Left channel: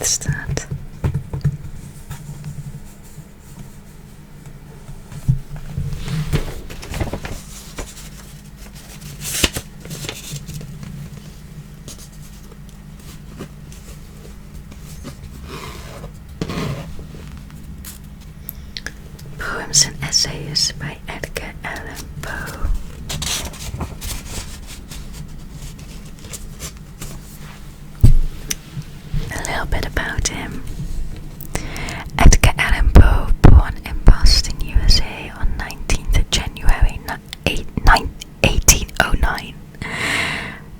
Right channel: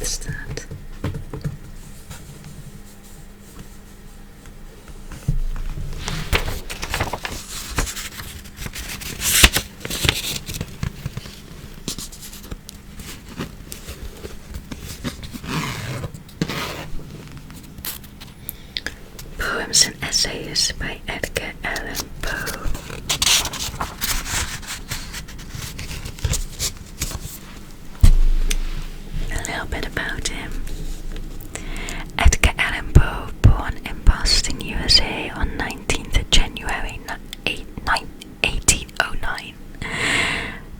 is that? Poems and Essays by Edgar Allan Poe. A little bit about him. Edgar Allan Poe, born in Boston, USA on 19th January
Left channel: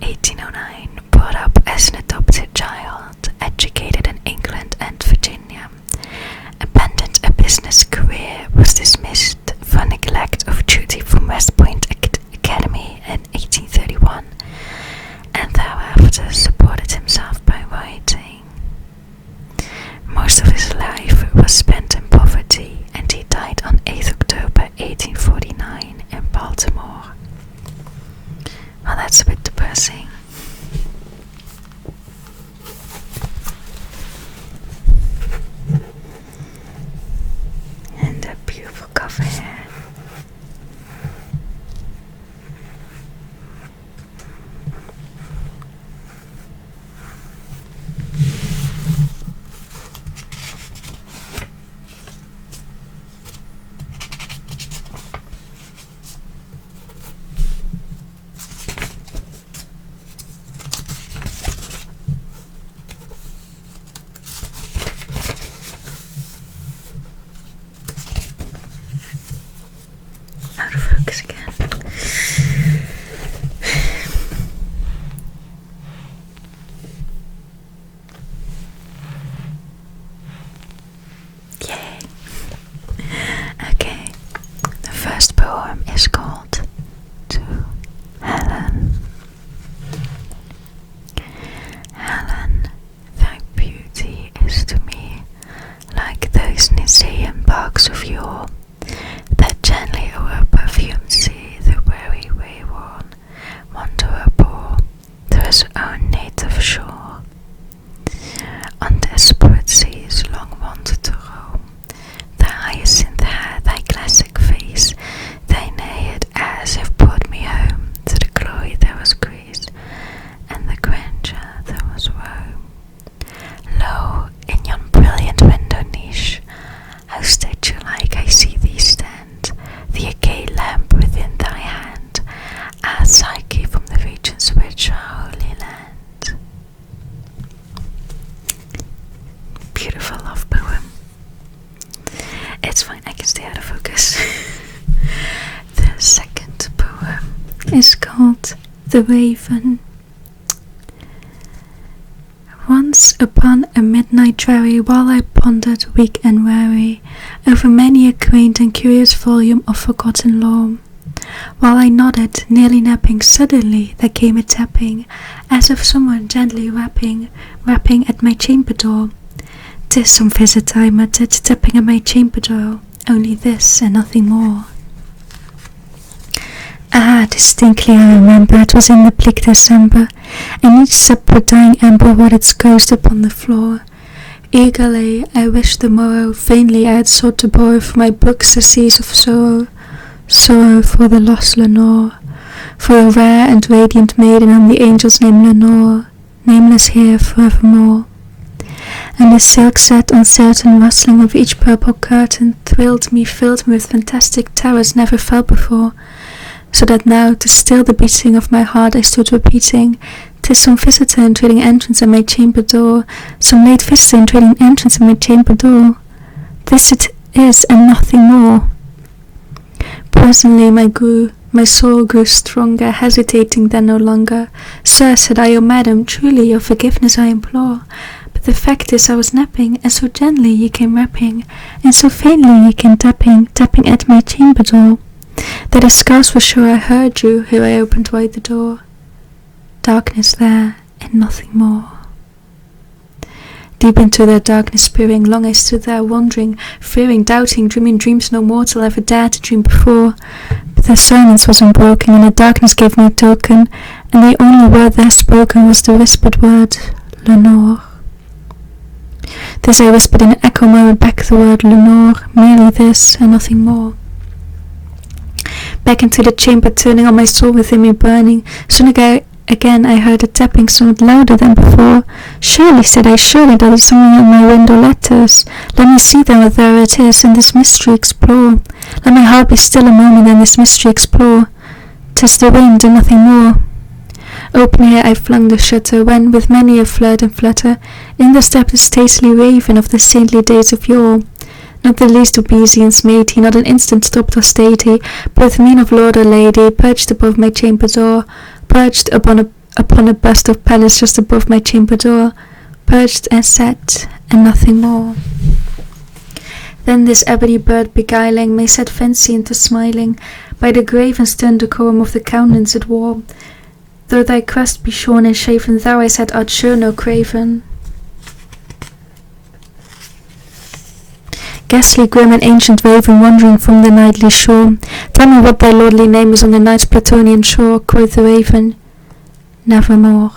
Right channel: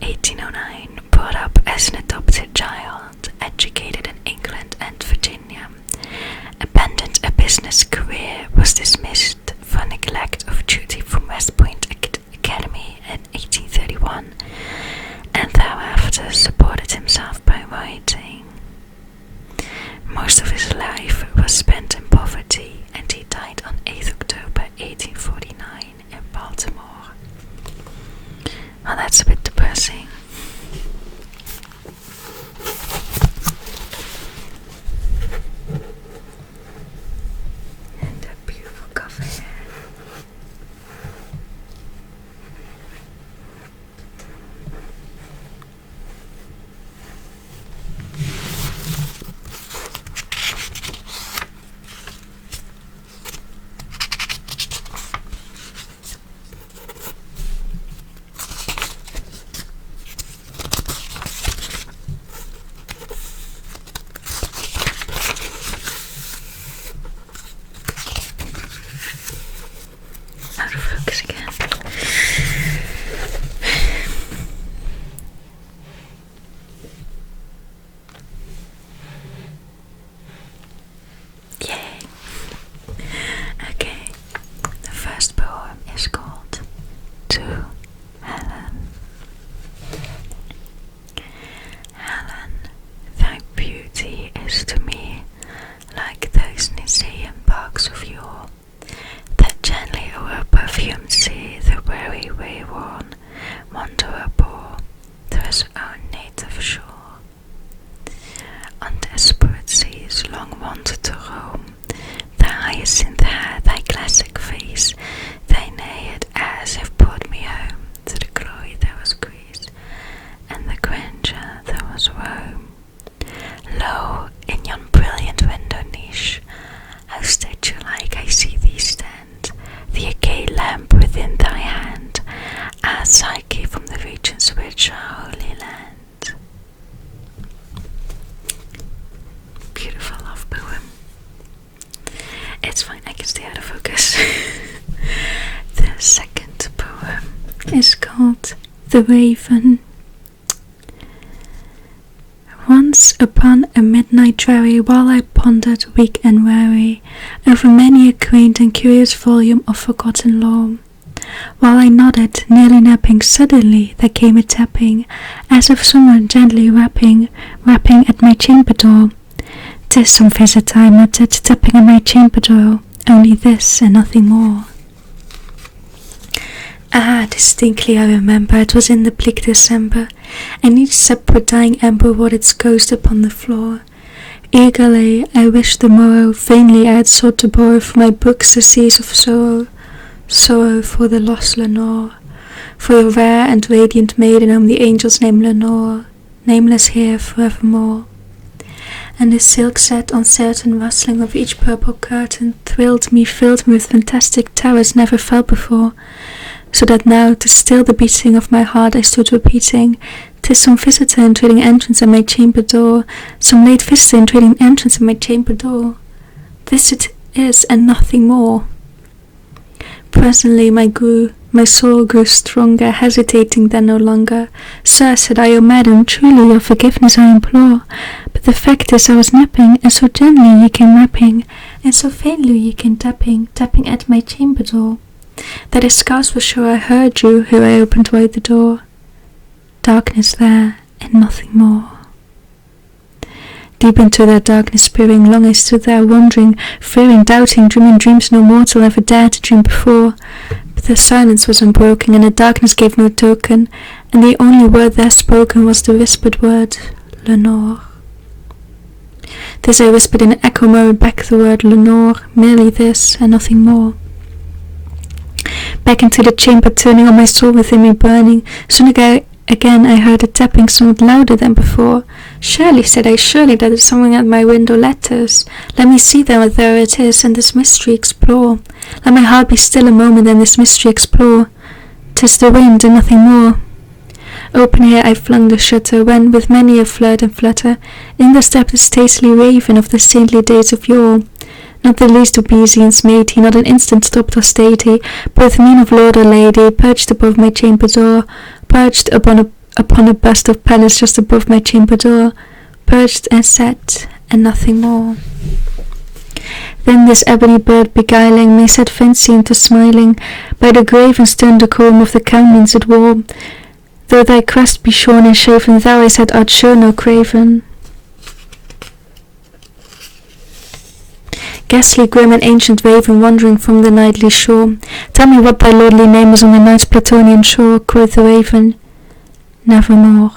1809, brought up as an adopted child, educated in England and Virginia, abandoned a business career, was dismissed for neglect of duty from West Point Academy in 1831, and thereafter supported himself by writing. Most of his life was spent in poverty, and he died on 8th October 1849 in Baltimore. Well, that's a bit depressing. And a beautiful cover here. Out of focus again. Yay. Okay. The first poem is called To Helen. Helen, thy beauty is to me like those Nisaean barks of yore, that gently o'er perfumed sea the weary wayworn wanderer bore to his own native shore. On desperate seas long wanted to roam, the hyacinth hair thy classic face, thy naiad airs have brought me home to the glory that was Greece, and the grandeur that was Rome. Lo, in yon brilliant window niche, how statue-like I see thee stand, the agate lamp within thy hand, ah, Psyche from the regions which are holy land. Beautiful love poem. It's fine, I can stay out of focus. The second poem is called The Raven. Once upon a midnight dreary, while I pondered, weak and weary, over many a quaint and curious volume of forgotten lore, while I nodded, nearly napping, suddenly there came a tapping, as of someone gently rapping at my chamber door. "'Tis some visitor," I muttered, tapping at my chamber door, "only this and nothing more." Ah, distinctly I remember, it was in the bleak December, and each separate dying ember wrought its ghost upon the floor. Eagerly I wished the morrow, vainly I had sought to borrow from my books the seas of sorrow, sorrow for the lost Lenore, for a rare and radiant maiden whom the angels name Lenore, nameless here forevermore. And the silk set uncertain rustling of each purple curtain thrilled me, filled me with fantastic terrors never felt before, so that now, to still the beating of my heart, I stood repeating, "'Tis some visitor entreating entrance at my chamber door, some late visitor entreating entrance at my chamber door. This it is, and nothing more." Presently my soul grew stronger, hesitating then no longer. "Sir," said I, "O madam, truly your forgiveness I implore, but the fact is I was napping, and so gently ye came rapping, and so faintly ye came tapping at my chamber door, that I scarce was sure I heard you, ere I opened wide the door. Darkness there, and nothing more." Deep into that darkness peering, long I stood there, wondering, fearing, doubting, dreaming dreams no mortal ever dared to dream before. But the silence was unbroken, and the darkness gave no token, and the only word there spoken was the whispered word, "Lenore." This I whispered in an echo, murmured back the word Lenore, merely this and nothing more. Back into the chamber, turning on my soul within me burning. Soon again I heard a tapping somewhat louder than before. Surely, said I, surely that is someone at my window letters. Let me see then what there it is, and this mystery explore. Let my heart be still a moment, and this mystery explore. 'Tis the wind and nothing more. Open here I flung the shutter, when, with many a flirt and flutter, in there stepped a stately raven of the saintly days of yore. Not the least obeisance made he, not an instant stopped or stayed he, both mien of lord or lady, perched above my chamber door, perched upon a bust of Pallas just above my chamber door, perched and sat, and nothing more. Then this ebony bird beguiling me set fancy into smiling, by the grave and stern decorum of the countenance it wore. Though thy crest be shorn and shaven, thou, I said, art sure no craven. Ghastly, grim, and ancient raven, wandering from the nightly shore, tell me what thy lordly name is on the night's Platonian shore. Quoth the raven, nevermore.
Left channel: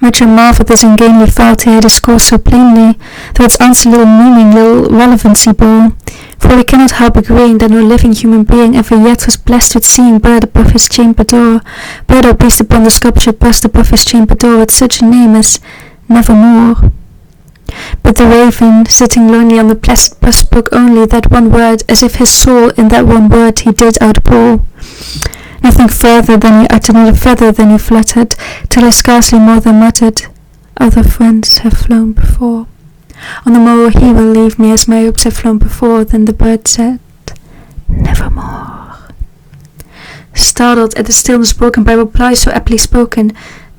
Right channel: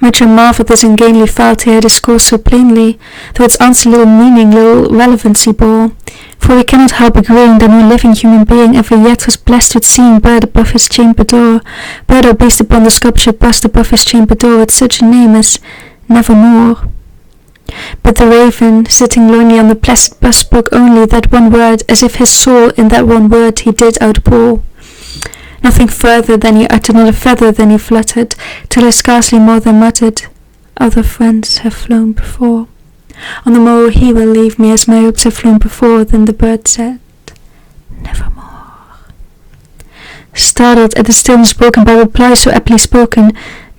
Much I marvel this ungainly fowl to hear discourse so plainly, though its answer little meaning, little relevancy bore. For we cannot help agreeing that no living human being ever yet was blessed with seeing bird above his chamber door, bird or beast upon the sculptured bust above his chamber door, with such a name as nevermore. But the raven, sitting lonely on the placid bust, spoke only that one word, as if his soul in that one word he did outpour. Nothing further than he uttered, not a feather than he fluttered, till I scarcely more than muttered, other friends have flown before. On the morrow he will leave me, as my hopes have flown before. Then the bird said, nevermore. Startled at the stillness broken by reply so aptly spoken,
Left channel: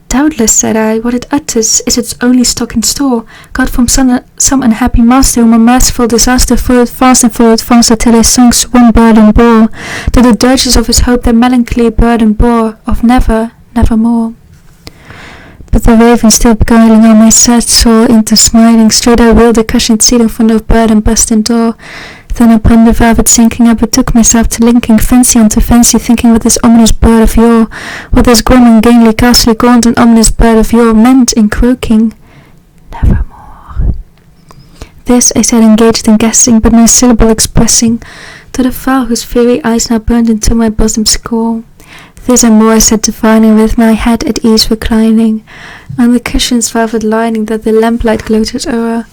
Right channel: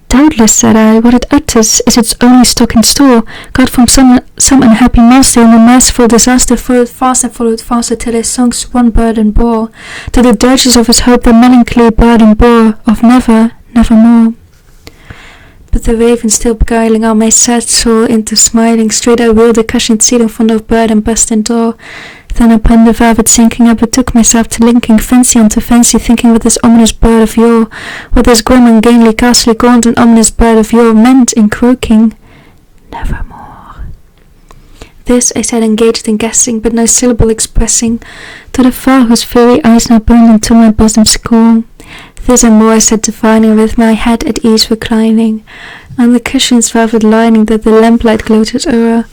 doubtless, said I, what it utters is its only stock in store, got from some unhappy master whom a merciful disaster followed faster till his songs one burden bore, to the dirges of his hope the melancholy burden bore, of never, nevermore. But the raven still beguiling all my sad soul into smiling, straight I wheeled the cushioned seat in front of bird and bust and door. Then upon the velvet sinking I betook myself to linking fancy unto fancy, thinking what this ominous bird of yore, what this grim ungainly ghastly gaunt and ominous bird of yore meant in croaking nevermore. This I said, engaged in guessing, but no syllable expressing, to the fowl whose fiery eyes now burned into my bosom's core. This and more I said, divining, with my head at ease reclining on the cushion's velvet lining that the lamplight gloated o'er,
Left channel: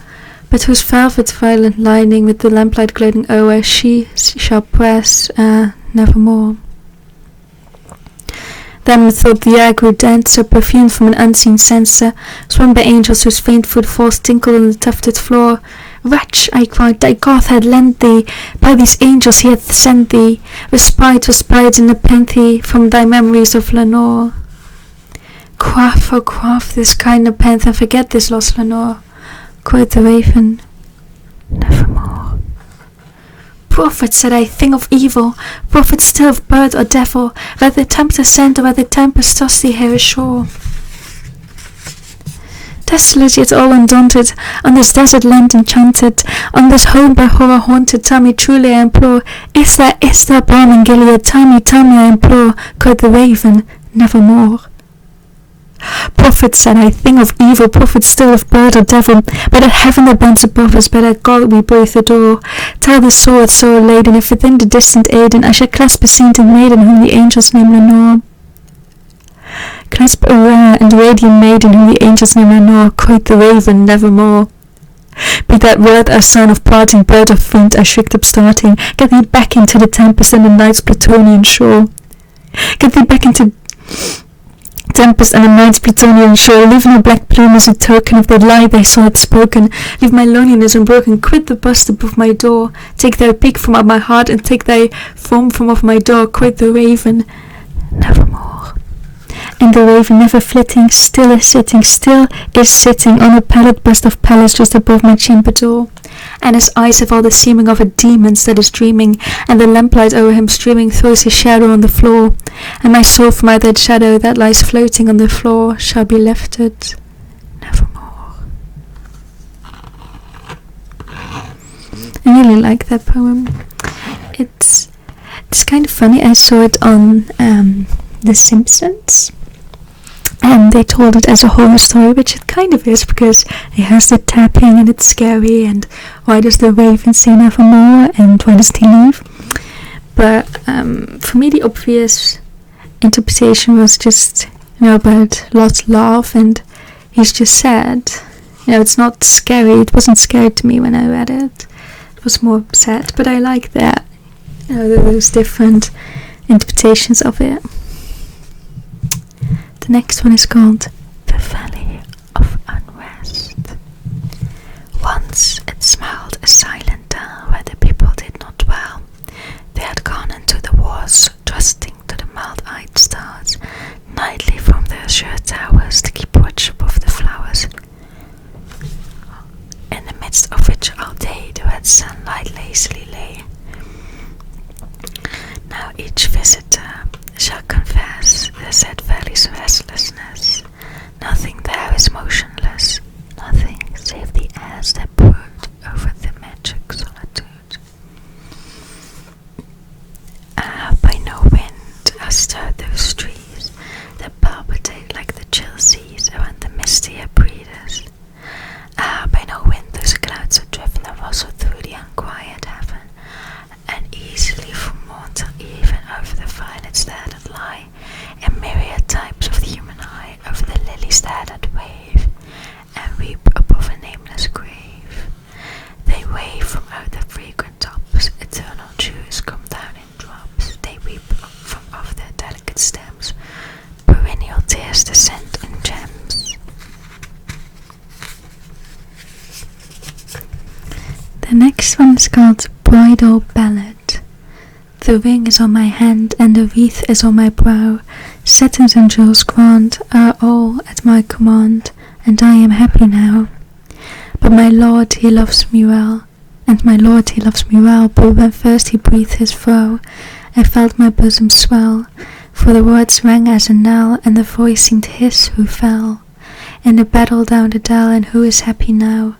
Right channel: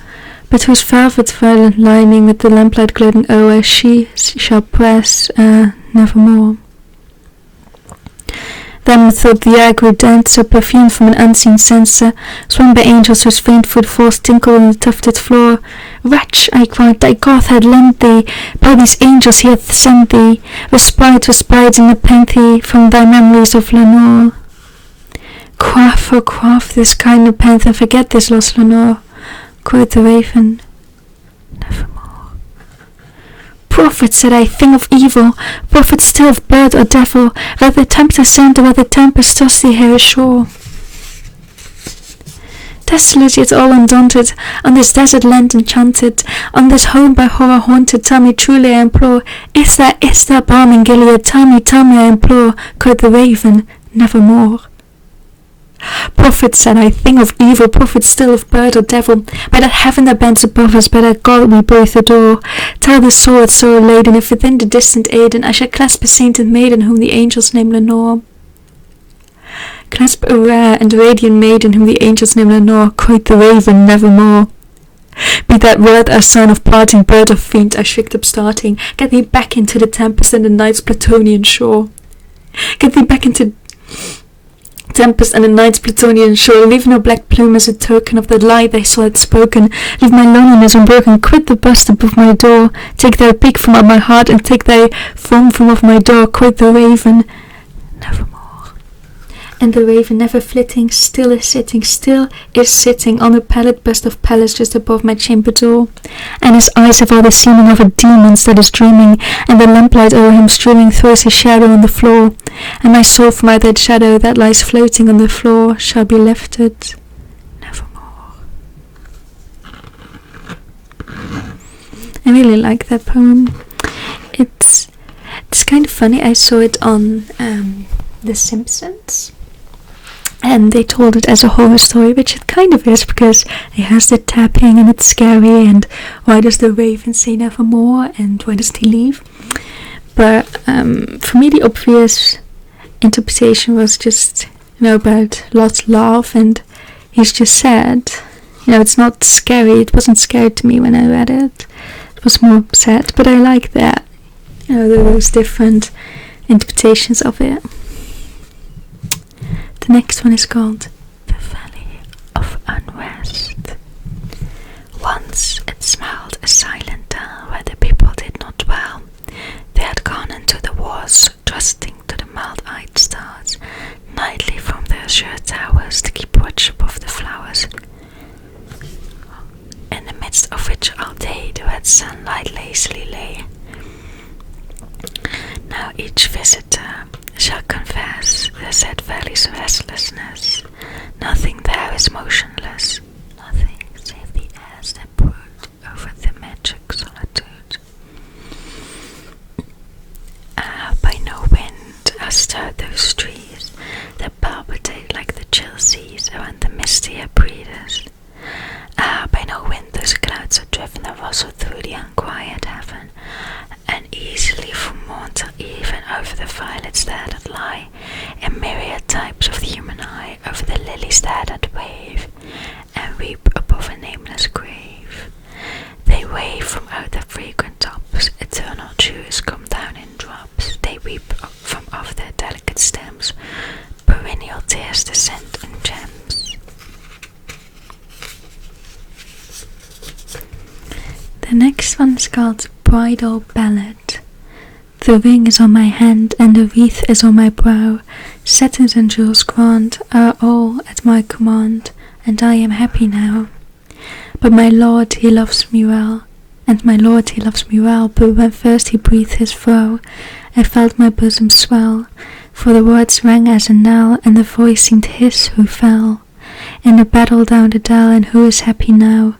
but whose velvet violet lining with the lamplight gloating o'er she shall press nevermore. Then methought the air grew denser, perfumed from an unseen censer, swung by angels whose faint footfalls tinkled on the tufted floor. Wretch, I cried, thy God had lent thee, by these angels he hath sent thee, respite in nepenthe from thy memories of Lenore. Quaff, oh quaff this kind nepenthe, and forget this lost Lenore. Quoth the raven, nevermore. Prophet, said I, thing of evil, prophet still of bird or devil, where the tempter sent or where the tempest tossed thee here ashore. Desolate yet all undaunted, on this desert land enchanted, on this home by horror haunted, tell me truly I implore, is there balm in Gilead? Tell me I implore. Quoth the raven, nevermore. Prophet, said I, thing of evil, prophet still of bird or devil, by that heaven that bends above us, by that God we both adore, tell the sword so laden, if within the distant Aidenn I should clasp a sainted maiden whom the angels name Lenore. Clasp a rare and radiant maiden whom the angels name Lenore. Quoth the raven, nevermore. Be that word a sign of parting, bird or fiend, I shrieked upstarting, get thee back into the tempest and the night's Platonian shore. Get thee back into tempest and the night's Platonian shore. Leave no black plume as a token of the lie thy soul had spoken. Leave my loneliness unbroken. Quit the bust above my door. Take thy peak from out my heart, and take thy form from off my door. Quoth the raven, nevermore. And the raven, never flitting, still is sitting on a pallid bust of Pallas just above my chamber door. And his eyes have all the seeming of a demon's that is dreaming, and the lamplight o'er him streaming throws his shadow on the floor. And my soul from out that shadow that lies floating on the floor shall be lifted nevermore. I really like that poem. It's kind of funny. I saw it on The Simpsons. And they told it as a horror story, which it kind of is, because it has the tapping and it's scary, and why does the raven say nevermore, and why doesn't he leave? But for me, the obvious interpretation was just, about Lot's laugh, and he's just sad. It's not scary. It wasn't scary to me when I read it. It was more sad, but I like that. Those different interpretations of it. The next one is called The Valley of Unrest. Once it smelled a silent dell where the people did not dwell. They had gone into the wars, trusting to the mild-eyed stars, nightly from their azure towers to keep watch above the flowers, in the midst of which all day the red sunlight lazily lay. Now each visitor shall confess the sad valley's restlessness. Nothing there is motionless, nothing save the airs that brood over the magic solitude. By no wind are stirred those trees that palpitate like the chill seas around the mistier breeders. By no wind those clouds are driven that rustle through the unquiet heaven, and easily from morn till even over the violets there that lie in myriad types of the human eye, over the lilies there that wave and weep above a nameless grave. They wave from out their fragrant tops, eternal dews come down in drops. They weep from off their delicate stems, perennial tears descend in gems. The next one is called Bridal Ballad. The ring is on my hand and the wreath is on my brow. Satins and jewels grand are all at my command, and I am happy now. But my Lord, he loves me well, and my Lord, he loves me well. But when first he breathed his vow, I felt my bosom swell, for the words rang as a knell, and the voice seemed his who fell in the battle down the dell, and who is happy now.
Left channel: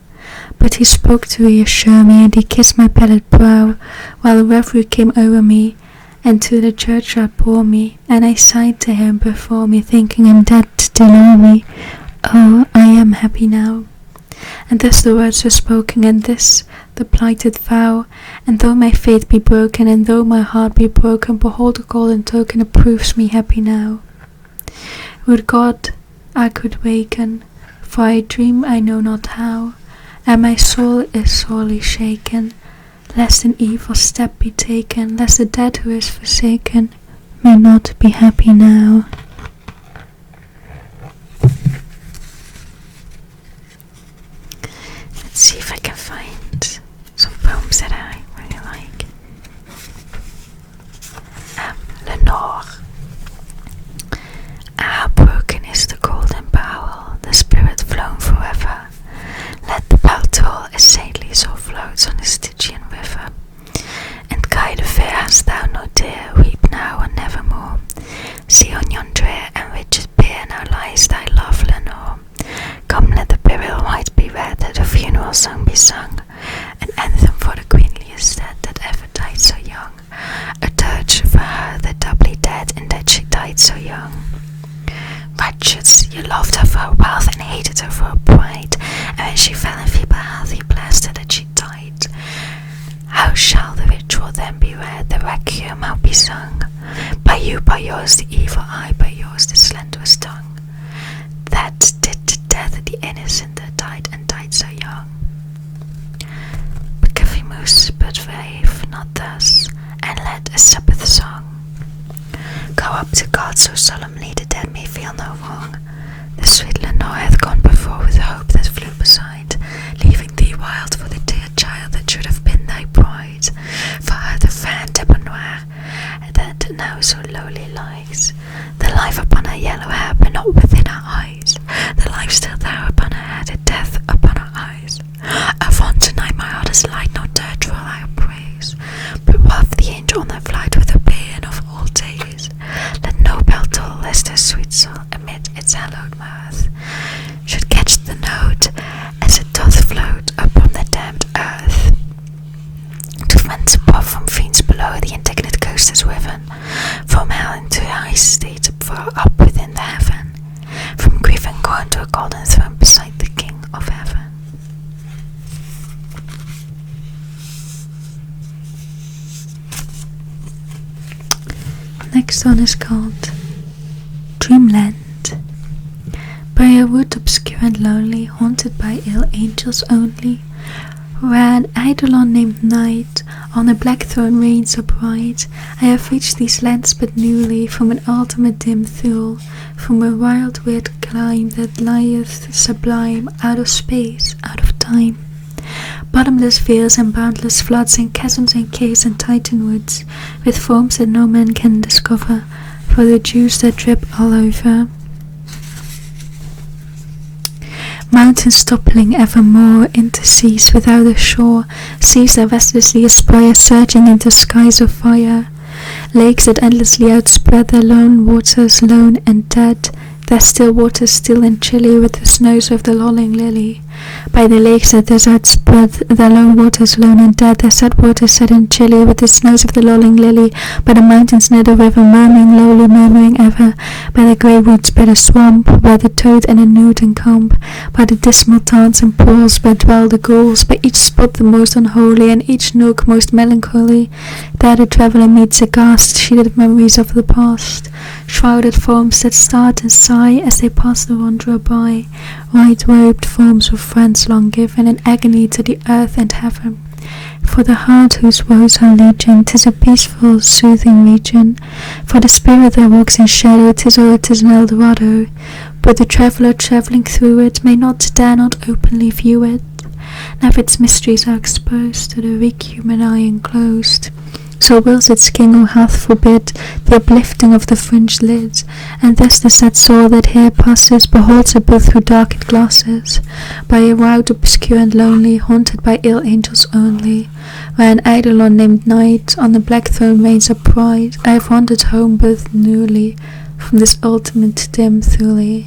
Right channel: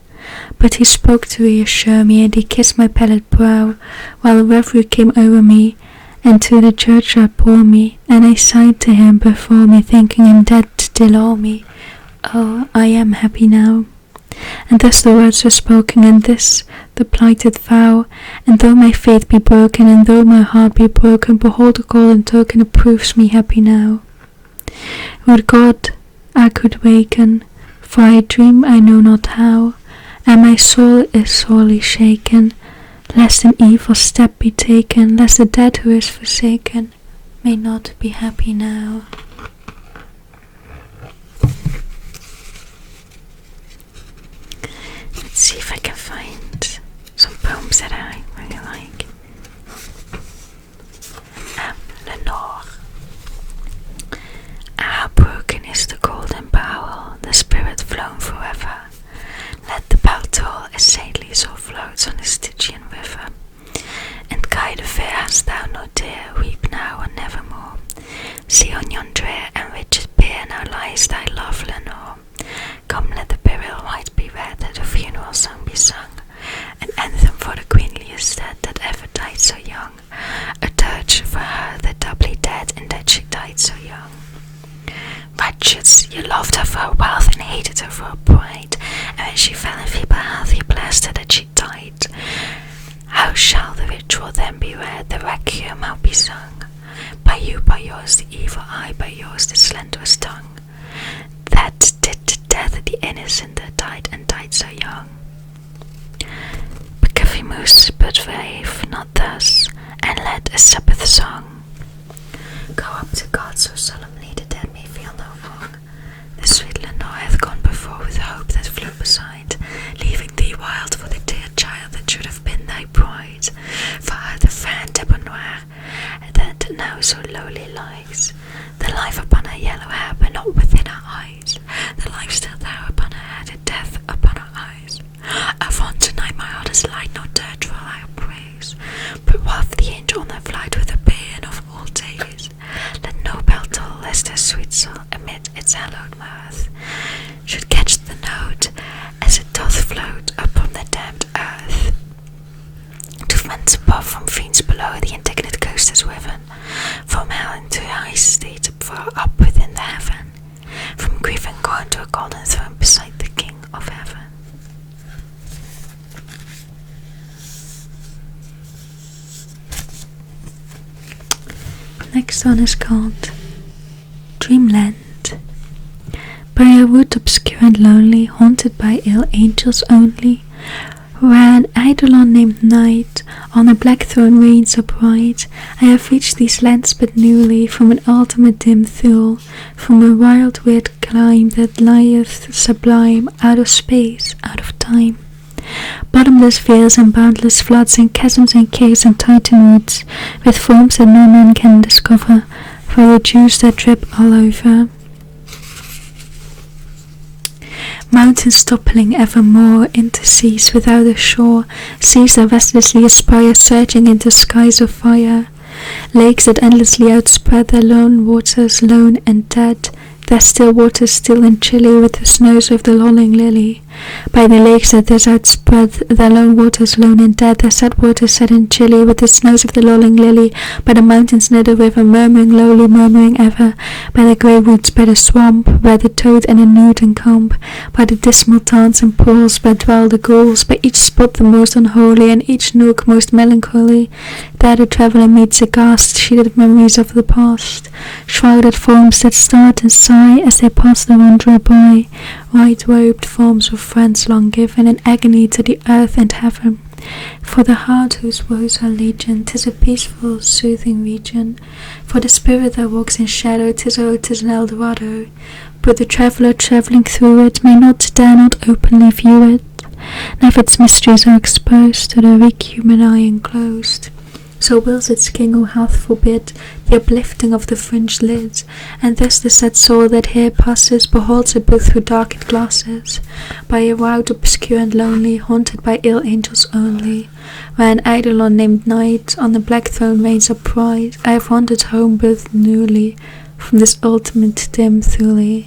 But he spoke to reassure me, and he kissed my pallid brow, while a reverie came over me, and to the churchyard bore me, and I sighed to him before me, thinking him dead to delore me. Oh, I am happy now. And thus the words were spoken, and this the plighted vow. And though my faith be broken, and though my heart be broken, behold the golden token that proves me happy now. Would God I could waken, for I dream I know not how, and my soul is sorely shaken, lest an evil step be taken, lest the dead who is forsaken may not be happy now. Let's see if I can find some poems that I really like. Lenore. Broken is the golden bowl, the spirit flown forever. Let the bell toll as saintly soul floats on the Stygian river. And guide of fair hast thou no dear, weep now and nevermore. See on yon drear and rigid bier now lies thy love, Lenore. Come, let the burial rite be read, the funeral song be sung, an anthem for the queenliest dead that ever died so young, a dirge for her that doubly dead in that she died so young. Righteous, you loved her for her wealth and hated her for her pride, and when she fell in feeble health you blessed her that she died. How shall the ritual then be read, the requiem how be sung? By you, by yours the evil eye, by yours the slenderous tongue, that did to death the innocent that died and died so young. Becavimus, but rave not thus, and let a Sabbath song go up to God so solemnly the dead may feel no wrong. The sweet Lenore hath gone before with hope that flew beside, leaving thee wild for the dear child that should have been thy bride. For her the fair debonair that now so lowly lies, the life upon her yellow hair but not within her eyes, the life still there upon her head, the death upon her eyes. Avaunt tonight my heart is light, not dirt will I praise, but waft the angel on her flight with a paean of all days. Let no bell toll lest her sweet soul amid its hallowed mirth should catch the note as it doth float upon the damned earth. To friends above, from fiends below, the indignant ghost is riven from hell into high state, far up within the heaven. Next one is called Dreamland. By a wood obscure and lonely, haunted by ill angels only, where an eidolon named Night on a black throne reigns so bright, I have reached these lands but newly, from an ultimate dim thule, from a wild weird clime that lieth sublime, out of space, out of time. Bottomless vales and boundless floods and chasms and caves and titan woods, with forms that no man can discover, for the dews that drip all over. Mountains toppling evermore into seas without a shore, seas that restlessly aspire, surging into skies of fire, lakes that endlessly outspread their lone waters, lone and dead, their still waters still and chilly with the snows of the lolling lily. By the lakes that thus outspread their lone waters, lone and dead, their sad waters set and chilly with the snows of the lolling lily. By the mountains near the river, murmuring lowly, murmuring ever. By the grey woods, by the swamp, where the toad and the newt encamp. By the dismal tarns and pools, where dwell the ghouls. By each spot the most unholy, and each nook most melancholy. There the traveller meets aghast sheeted memories of the past, shrouded forms that start and sigh as they pass the wanderer by, white-robed forms of friends long given in agony to the earth and heaven. For the heart whose woes are legion, 'tis a peaceful, soothing region. For the spirit that walks in shadow, 'tis an Eldorado. But the traveller travelling through it may not, dare not openly view it. Now if its mysteries are exposed to the weak human eye enclosed, so wills its king who hath forbid the uplifting of the fringed lids, and thus the sad soul that here passes beholds it both through darkened glasses, by a route obscure and lonely, haunted by ill angels only, where an eidolon named Night on the black throne reigns upright. I have wandered home both newly from this ultimate dim thule.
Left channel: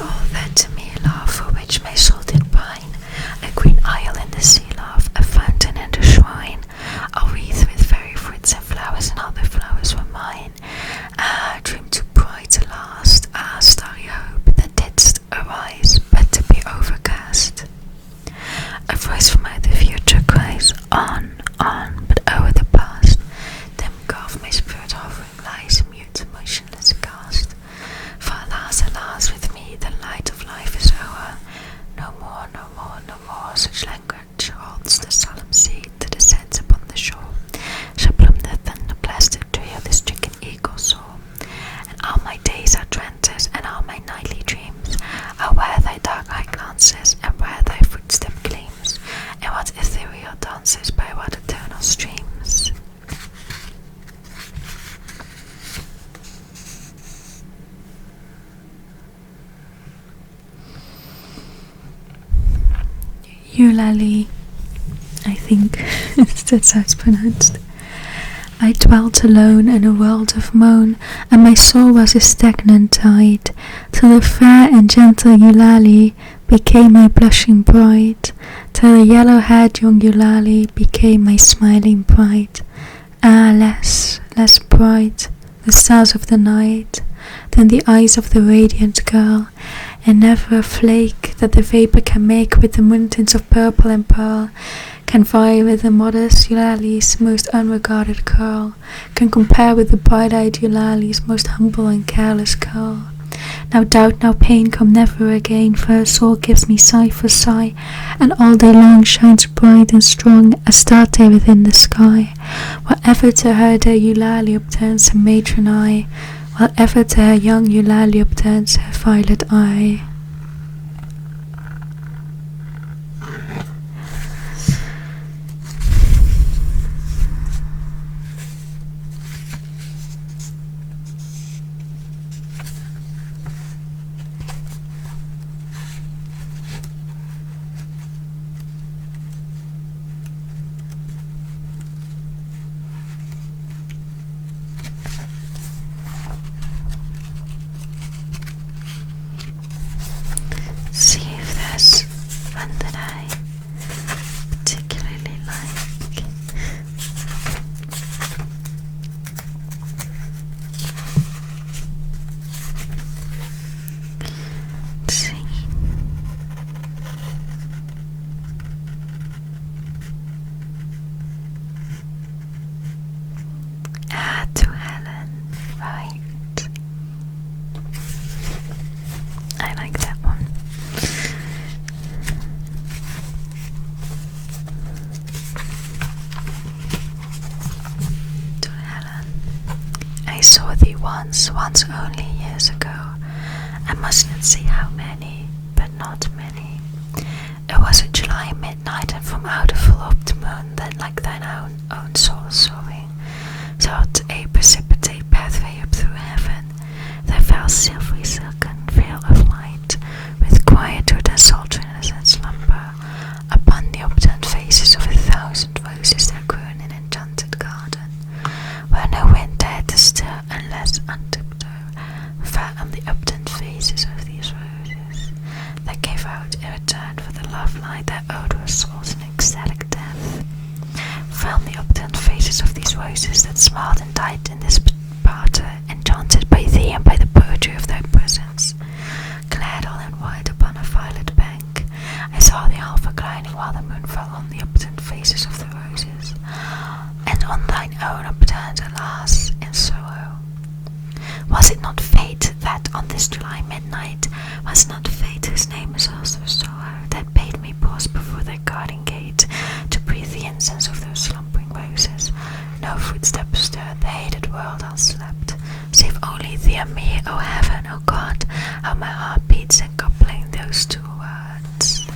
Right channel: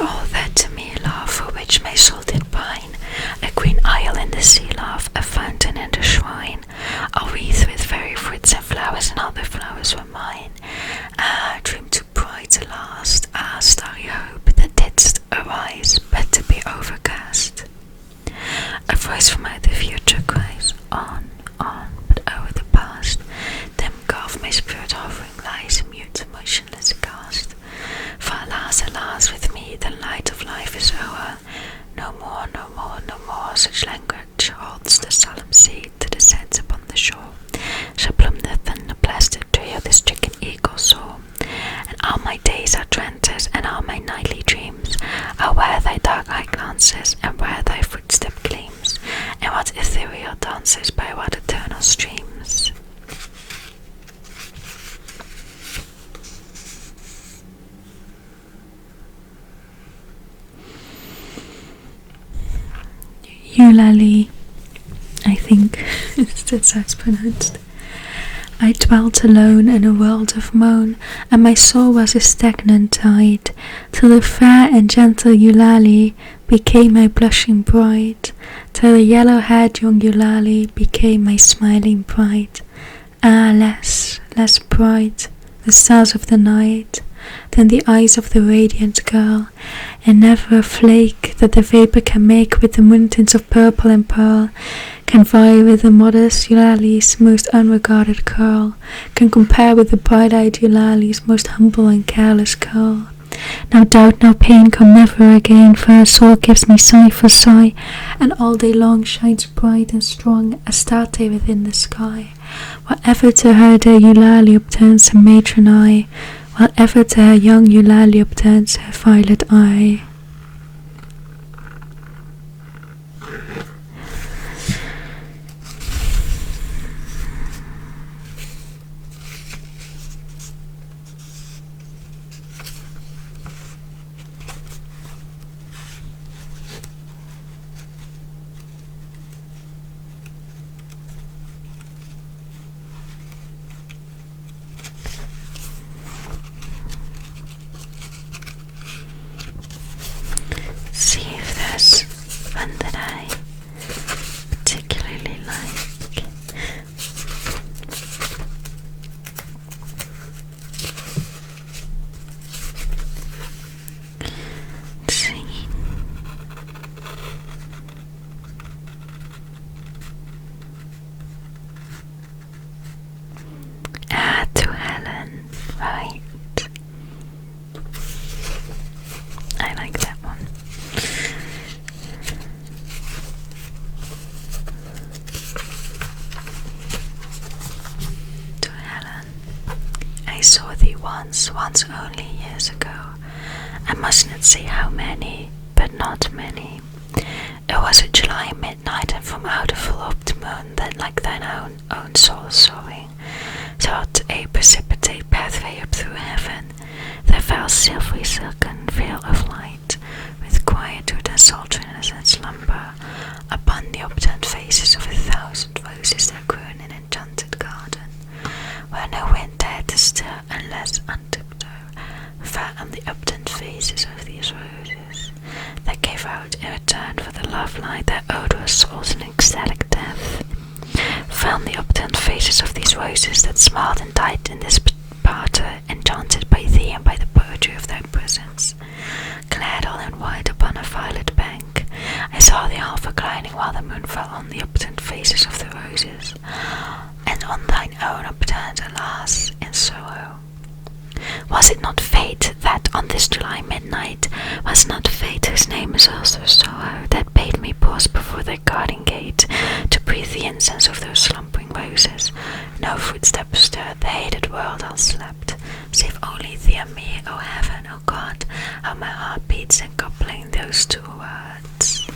All that to me, love, for which my soul did pine, a green isle in the sea, love, a fountain and a shrine, a wreath with fairy fruits and flowers, and all the flowers were mine. Ah, dream too bright to last, ah, starry hope that didst arise, but to be overcast. A voice from out the future cries, on, but o'er the past, dim gulf my spirit hovering lies, mute, motionless cast. For alas, with me the light of life is o'er. No more, such language holds the solemn seed that descends upon the shore. Shall bloom the thunder blasted tree of this stricken eagle soar. And all my days are trances, and all my nightly dreams are where thy dark eye glances, and where thy footstep gleams, and what ethereal dances by what eternal streams. Eulalie, I think that's how it's pronounced. I dwelt alone in a world of moan, and my soul was a stagnant tide, till the fair and gentle Eulalie became my blushing bride, till the yellow-haired young Eulalie became my smiling bride. Ah, less bright, the stars of the night, than the eyes of the radiant girl, and never a flake that the vapor can make with the mountains of purple and pearl can vie with the modest Eulalie's most unregarded curl, can compare with the bright-eyed Eulalie's most humble and careless curl. Now doubt, now pain come never again, for her soul gives me sigh for sigh, and all day long shines bright and strong, Astarte within the sky. Whatever to her dear Eulalie upturns her matron eye, while ever to her young Eulalie upturns her violet eye. I saw thee once only years ago. I must not say how many, but not many. It was a July midnight, and from out a full-orbed moon that like thine own soul soaring, sought a precipitate pathway up through heaven, there fell silvery silken veil of light, with quietude and sultriness and slumber, upon the upturned faces of 1,000 roses that grew in an enchanted garden, where no wind dared to stir unless on tiptoe fell on the upturned faces of these roses, that gave out in return for the love light their odorous souls in ecstatic death. Fell on the upturned faces of these roses that smiled and died in this parter, enchanted by thee and by the poetry of thy presence. Clad all in white upon a violet bank, I saw thee half reclining while the moon fell on the upturned faces of the roses, and on thine own upturned, alas, in sorrow. Was it not fate that on this July midnight, was not fate whose name is also sorrow, that bade me pause before thy garden gate to breathe the incense of those slumbering roses? No footstep stirred the hated world all slept, save only thee and me, O heaven, O God, how my heart beats in coupling those two words.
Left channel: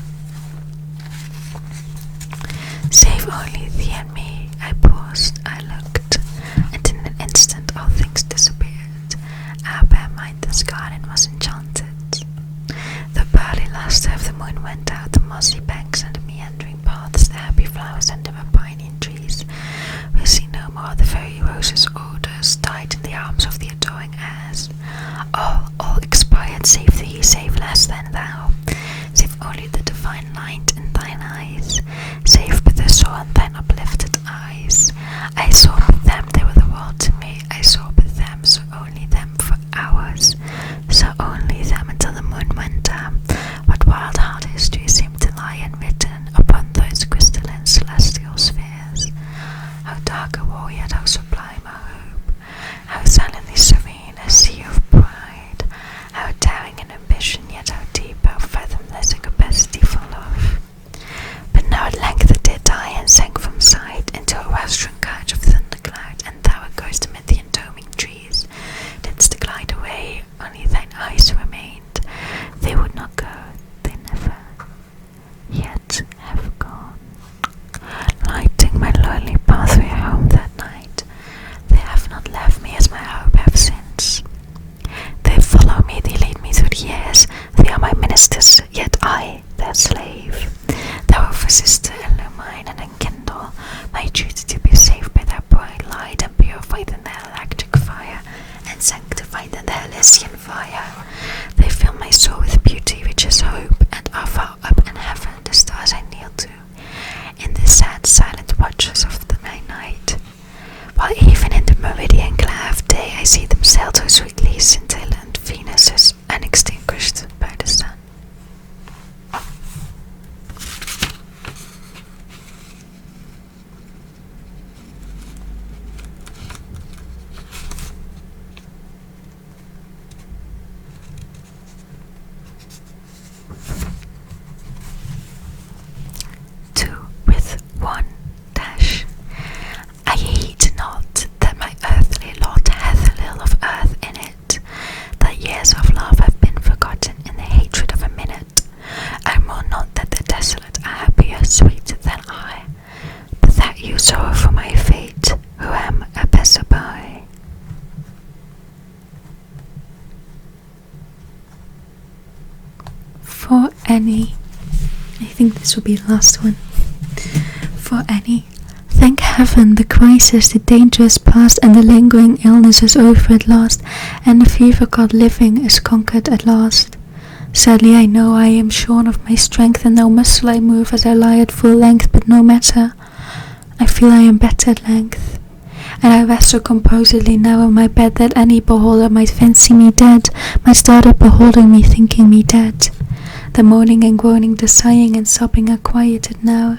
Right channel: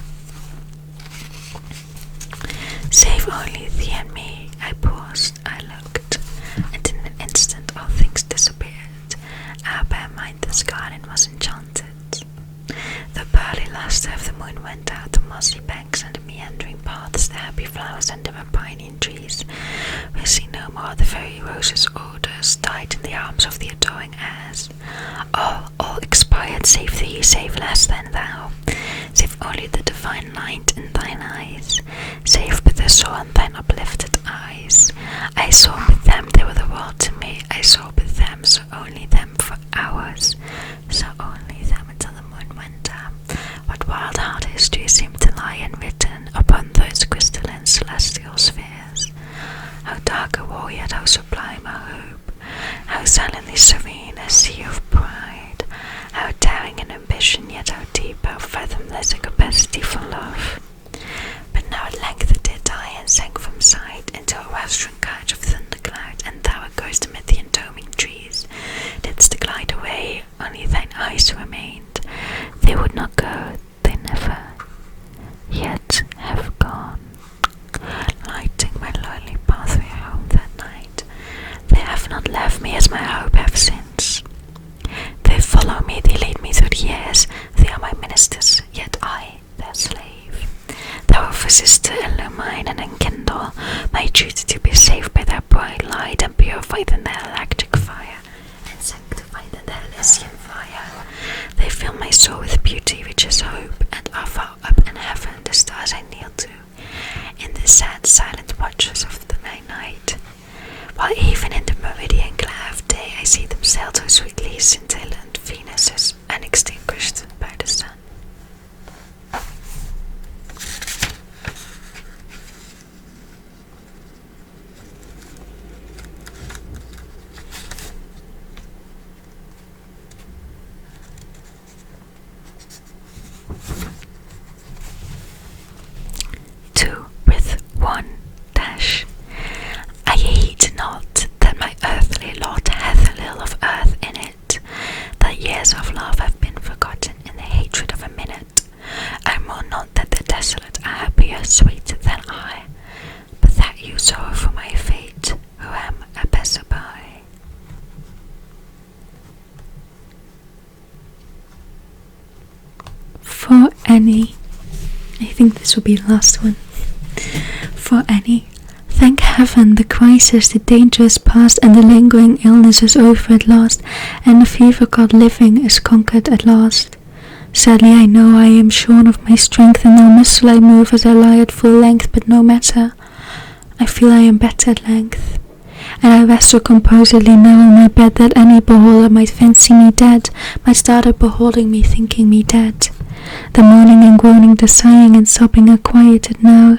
Save only thee and me. I paused, I looked, and in an instant all things disappeared. Our bare mindless garden was enchanted. The pearly lustre of the moon went out the mossy banks and the meandering paths, the happy flowers and the piney trees. We see no more the very roses' odors died in the arms of the adoring airs. All expired, save thee, save less than thou. Save only the divine light in thine eyes, save but the soul in thine uplifted eyes. I saw but them, they were the world to me. I saw but them, so only them for hours, so only them until the moon went down. What wild hard history seemed to lie unwritten upon those crystalline celestial spheres. How dark a war, yet how sublime a hope, how silently serene a sea of pride, how daring an ambition, yet how deep, how fathomless a capacity for love. But now at length it did die and sank from sight into a western couch of thundercloud, and thou, a ghost amid the entombing trees, didst glide away, only thine eyes remained. They would not go, they never yet have gone, lighting my lonely pathway home that night. They have not left me as my hope have since. They follow me, they lead me through the years. They are my ministers, yet I, their slave. Thou officest to illumine and enkindle my duty to be saved by their bright light, and purified in their electric fire, and sanctified in their Elysian fire. They fill my soul with beauty, which is hope, and are far up in heaven the stars I kneel to, in the sad silent watches of my night. While even in the meridian glare of day I see them sail so sweetly, scintillant Venuses unextinguished by the sun. Two with one dash. I heed not that my earthly lot hath little of earth in it, that years of love have been forgotten in the hatred of a minute. I mourn not that the desolate are happier, sweeter than I, but that you sorrow for my fate, who am a passer-by. For Annie. I think this will be the last one. For Annie. Thank heaven, the crisis, the danger is past, and the lingering illness is over at last, and the fever god living is conquered at last. Sadly I know I am shorn of my strength, and no muscle I move as I lie at full length, but no matter, I feel I am better at length. And I rest so composedly now in my bed that any beholder might fancy me dead, might start up beholding me, thinking me dead. The moaning and groaning, the sighing and sobbing are quieted now,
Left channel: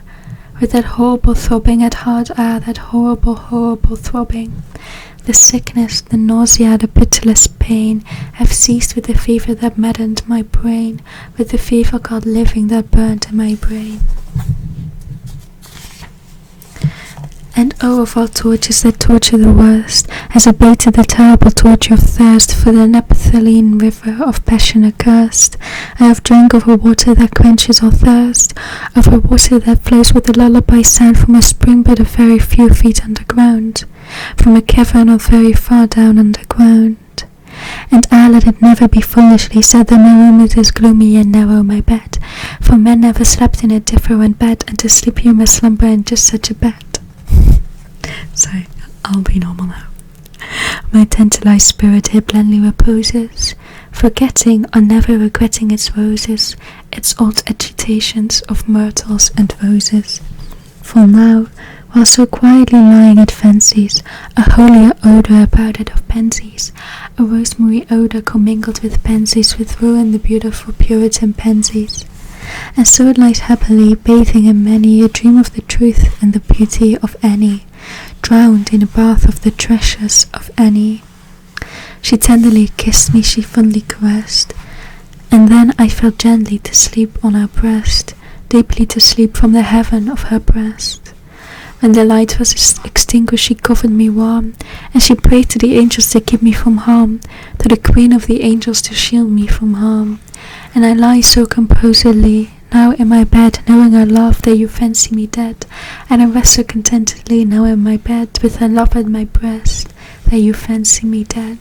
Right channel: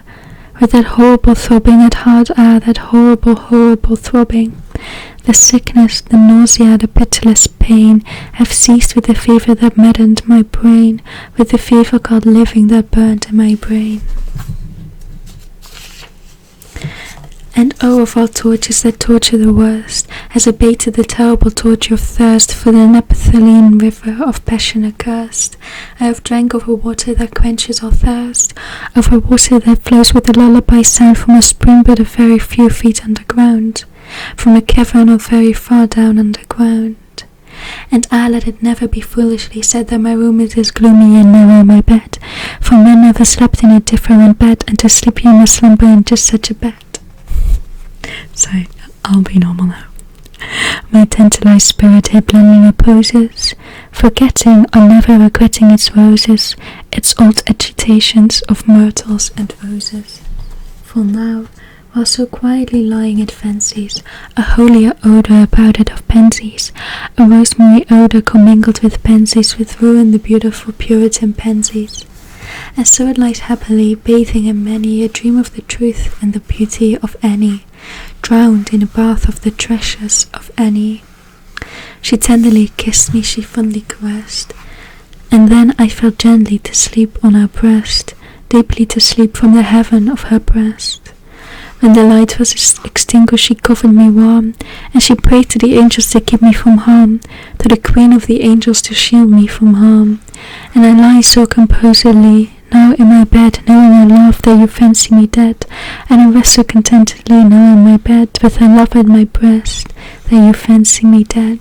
with that horrible throbbing at heart, that horrible, horrible throbbing. The sickness, the nausea, the pitiless pain have ceased with the fever that maddened my brain, with the fever god living that burned in my brain. And oh, of all tortures that torture the worst, as abated the terrible torture of thirst, for the Nephthaline river of passion accursed, I have drank of a water that quenches all thirst, of a water that flows with a lullaby sound from a spring but a very few feet underground, from a cavern not very far down underground. And let it never be foolishly said that my room is as gloomy and narrow my bed, for men never slept in a different bed, and to sleep you must slumber in just such a bed. Sorry, I'll be normal now. My tantalized spirit here blandly reposes, forgetting or never regretting its roses, its old agitations of myrtles and roses. For now, while so quietly lying it fancies a holier odour about it of pansies, a rosemary odour commingled with pansies, with ruin the beautiful Puritan pansies. And so it lies happily, bathing in many a dream of the truth and the beauty of Annie, drowned in a bath of the treasures of Annie. She tenderly kissed me, she fondly caressed, and then I fell gently to sleep on her breast, deeply to sleep from the heaven of her breast. When the light was extinguished, she covered me warm, and she prayed to the angels to keep me from harm, to the Queen of the angels to shield me from harm. And I lie so composedly, now in my bed, knowing her love, that you fancy me dead, and I rest so contentedly, now in my bed, with her love at my breast, that you fancy me dead,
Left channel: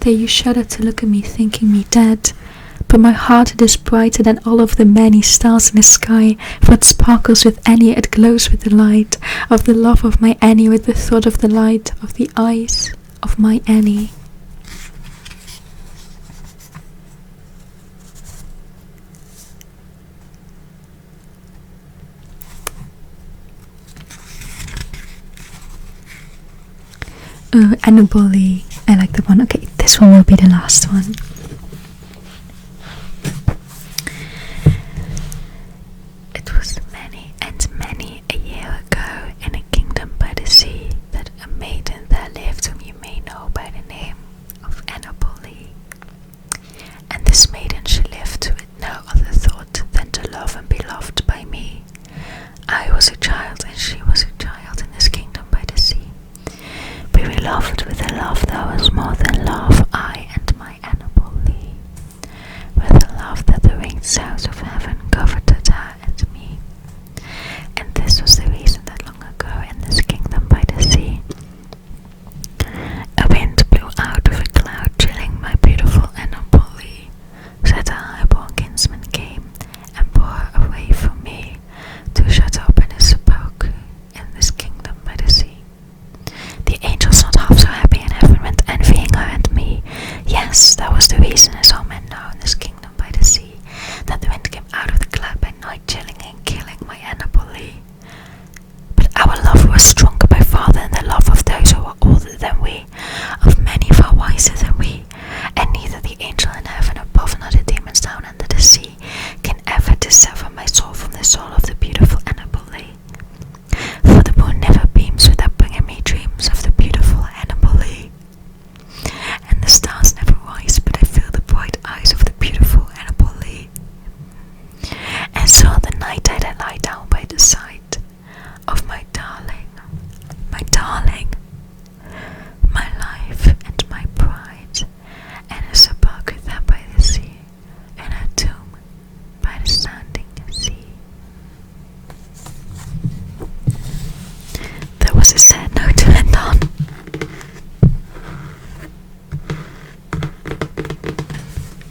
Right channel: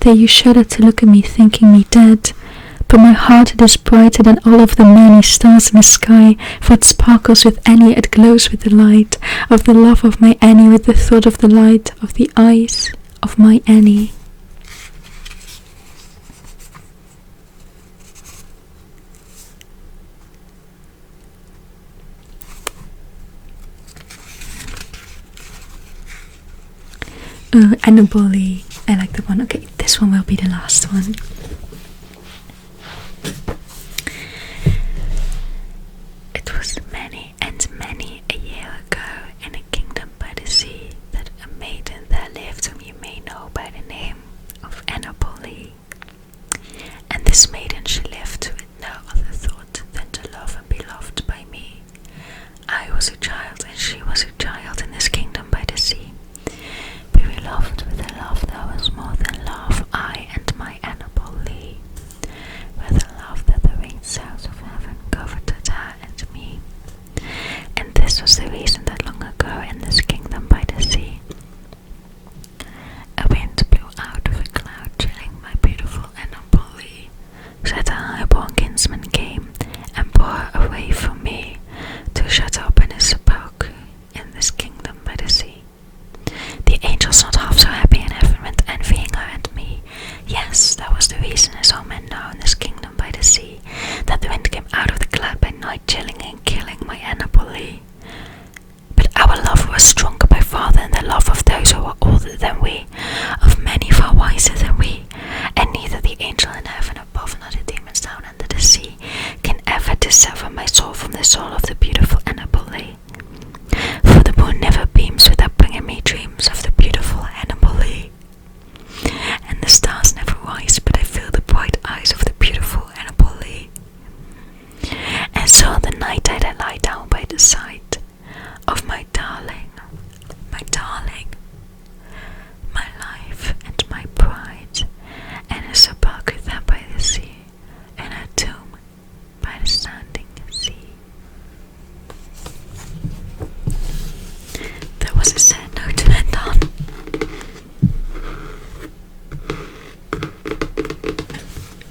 that you shudder to look at me, thinking me dead. But my heart, it is brighter than all of the many stars in the sky, for it sparkles with Annie, it glows with the light of the love of my Annie, with the thought of the light of the eyes of my Annie. Annabelle Lee, I like that one. Okay, this one will be the last one. It was many and many a year ago, in a kingdom by the sea, that a maiden there lived whom you may know by the name of Annabelle Lee. And this maiden she lived with no other thought than to love and be loved by me. I was a child and she was a child in this kingdom by the sea. We were loved with a love that was more than love, I and my Annabelle Lee, with a love that the winged sounds of heaven coveted her and me. And this was the reason that long ago in this kingdom by the sea, a wind blew out of a cloud, chilling my beautiful Annabelle Lee, so that a high-born kinsman came and bore her away from me, to shut up in a sepulchre in this kingdom by the sea. The angels, not half so happy in heaven, went envying her and me. Yes, that was the reason, as all men know in this kingdom by the sea, that the wind came out of the cloud by night, chilling and killing my Annabelle Lee. But our love was stronger by far than the love of those who were older than we, of many far wiser than we, and neither the angel in heaven above nor the demons down under the sea can ever dissever my soul from the soul of the beautiful Annabelle Lee. For the moon never beams without bringing me dreams of the beautiful Annabelle Lee, and the stars never rise but I feel the bright eyes of the beautiful Annabelle Lee. And so on the night I lie down by the side of my darling, my life and my pride, and a sepulchre there by the sea, and a tomb by the standing sea. That was a sad note to end on.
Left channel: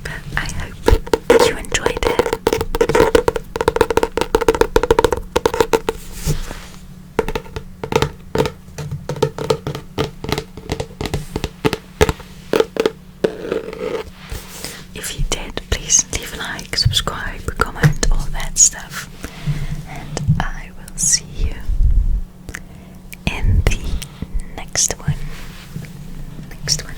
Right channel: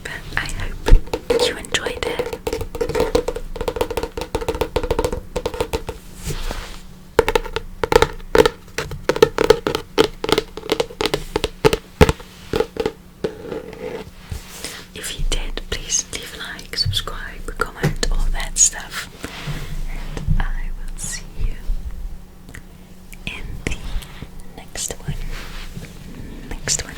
But I hope you enjoyed it. If you did, please leave a like, subscribe, comment, all that stuff. And I will see you in the next one. Next one.